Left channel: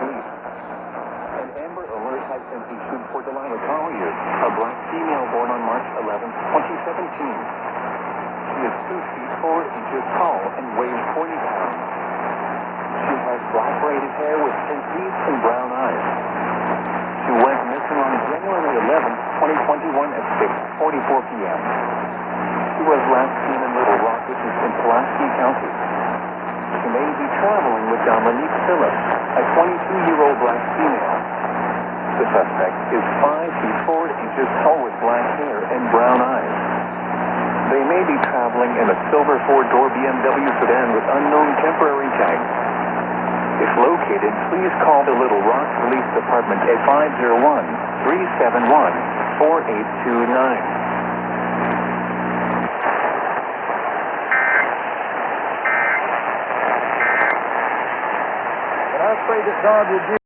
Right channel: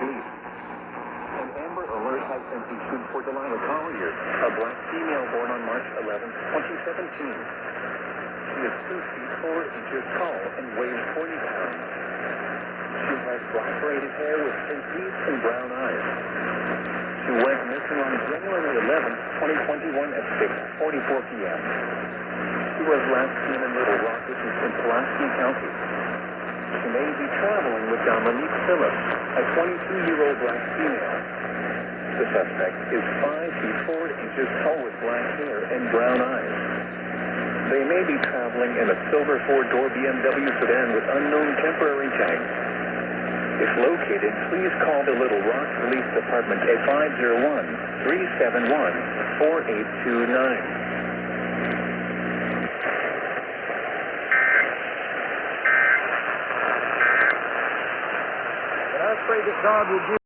police. An Amber Alert has been issued for Delilah Collier, a black female born on March 11, 2017. She is 2 feet 4 inches tall and weighs 40 pounds. She has black braided hair with pink teeth and brown eyes. She went missing on January 11, 2021 at 6:44 p.m. She was last seen in Little Rock, which is in Pulaski County. She may be traveling with Dominique Phillips, a 22-year-old black female. The suspect is 5 feet 4 inches tall with black hair and brown eyes. They may be traveling in a silver 4-door BMW sedan with unknown temporary tags. If located, please call the Little Rock Police Department at 501-371-4829. I pray that God will give